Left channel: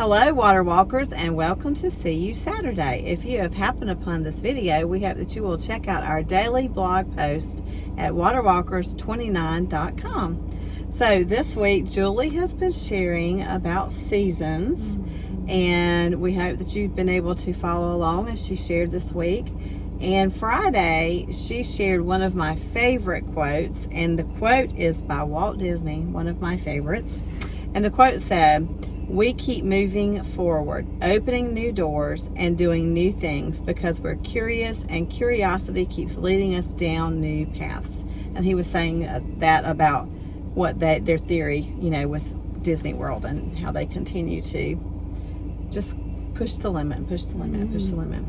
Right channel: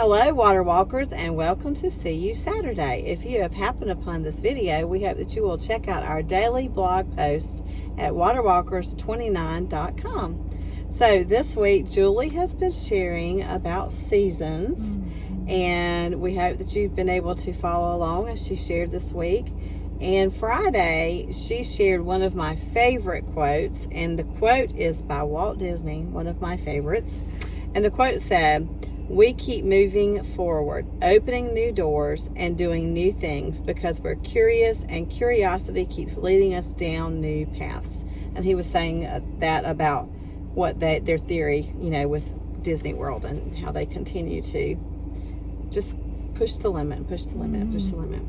Hello, Water Walkers, and welcome to See You Saturday. If you have happened upon this video, we hope that you will check out our daily blog post at waterwalkers29.com. So this week, Julie has been sharing about seasons, and we hope that you've been able to follow along as she shared this week. And Friday, she shared one of my favorite quotes, and the quote is by Walt Disney, one of my favorites. And the quote said, "We keep moving forward, opening new doors and doing new things because we're curious, and curiosity keeps leading us down new paths." And he was saying that about what their theory, with Disney World and how they continue to just push the limit, and push the limit, and push the limit.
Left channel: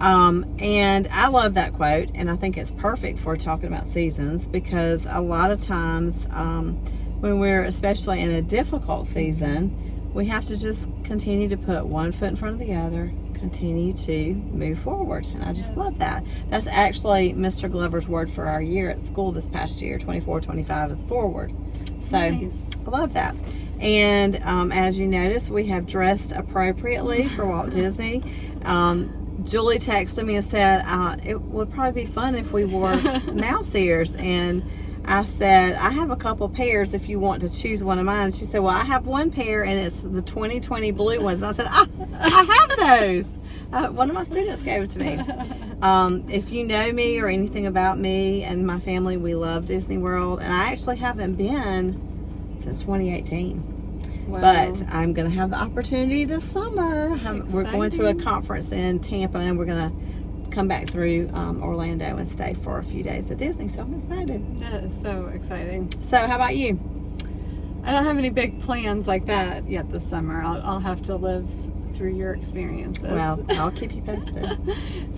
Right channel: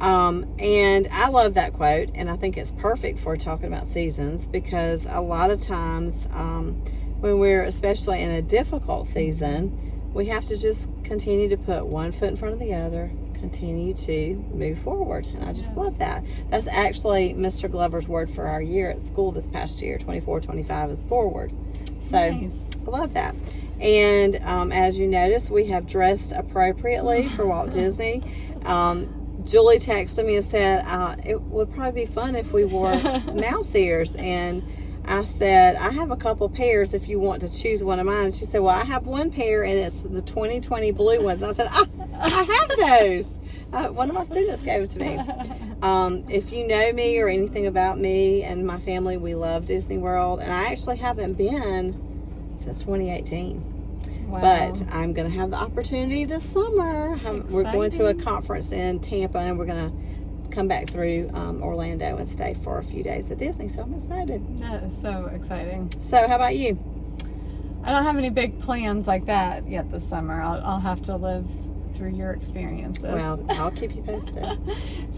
And I love that quote, and I think it's perfect for talking about seasons, because a lot of times when we're especially in a difficult season, we have to just continue to put one foot in front of the other, continue to move forward. And I just love that. That's actually Mr. Glover's word for our year at school this past year, 24-25, is forward. So nice. I love that. And as you notice, we have dressed appropriately for Walt Disney. Julie texted me and said, it would probably be fun if we wore mouse ears. And I said, I have a couple pairs if you want to choose one of mine. She said, well, I have one pair, and it's the 2020 blue ones. And I said, I have those. One of my students gave it to me. If you know me or anything about me and my family, we love Disney World. And I actually haven't been since 2018. Wow. But I'm going to have the opportunity this summer. We're going to a conference in Tampa, and we're going to come back through Orlando and stay for a few days at Disney. So I'm excited. That is so exciting. So how about you? I don't have any big plans like that yet this summer. I'll have to live through your experiences. Well, I'll keep you posted.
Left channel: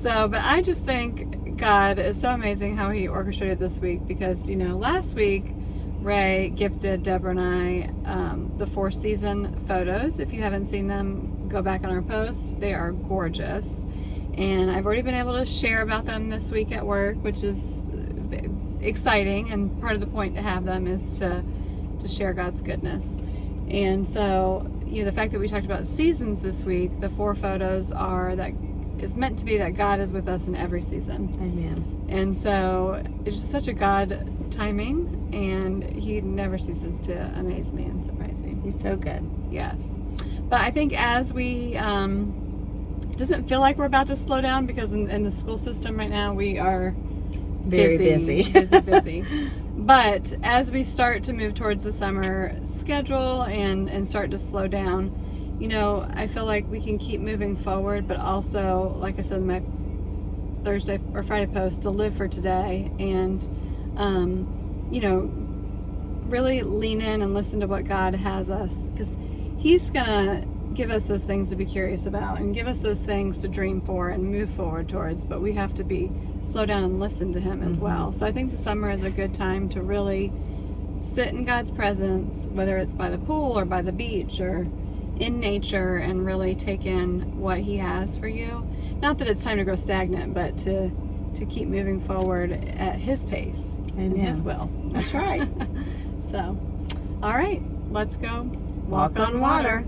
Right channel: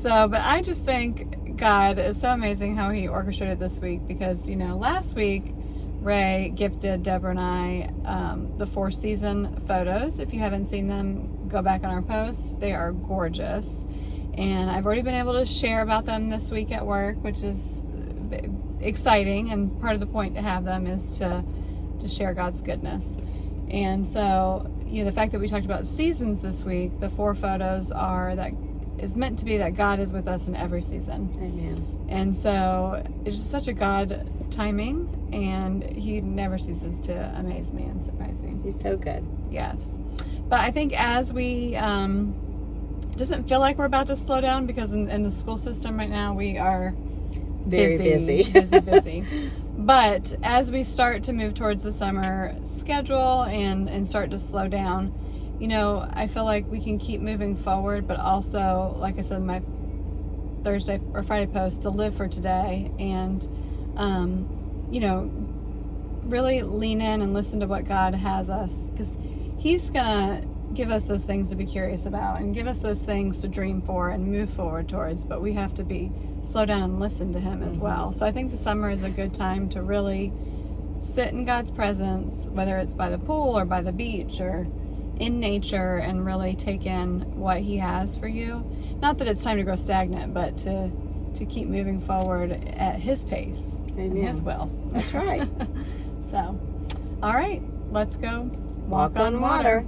But I just think God is so amazing how he orchestrated this week, because, last week, Ray gifted Deborah and I the Four Season photos. If you haven't seen them, go back on our posts. They are gorgeous. And I've already been able to share about them this week at work, which is exciting. And part of the point to have them is to share God's goodness. And so, the fact that we talked about seasons this week, the 4 photos is meant to be that God is with us in every season. Amen. And so it's just such a God timing, and he never ceases to amaze me and surprise me. He's so good. Yes. But I think as we doesn't feel like we're about to slow down, because in the school system right now we are very busy. busy. But as we start to move towards the summer schedule and start to slow down, I feel like we can keep moving forward, but also, like I said in my Thursday or Friday post, to live for today and, really lean in and listen to what God has us, because he's going to give us those things to be curious about and give us those things to dream for and move forward towards, but we have to slow down and listen to him as well. So I think the summer is a good time to really sit in God's presence, whether it's by the pool or by the beach or in nature, and really take in what he has for you. Not that it's time to grow stagnant, but to keep moving forward at his pace. Amen. And his will. That's right. So, all right, let's go walk on water.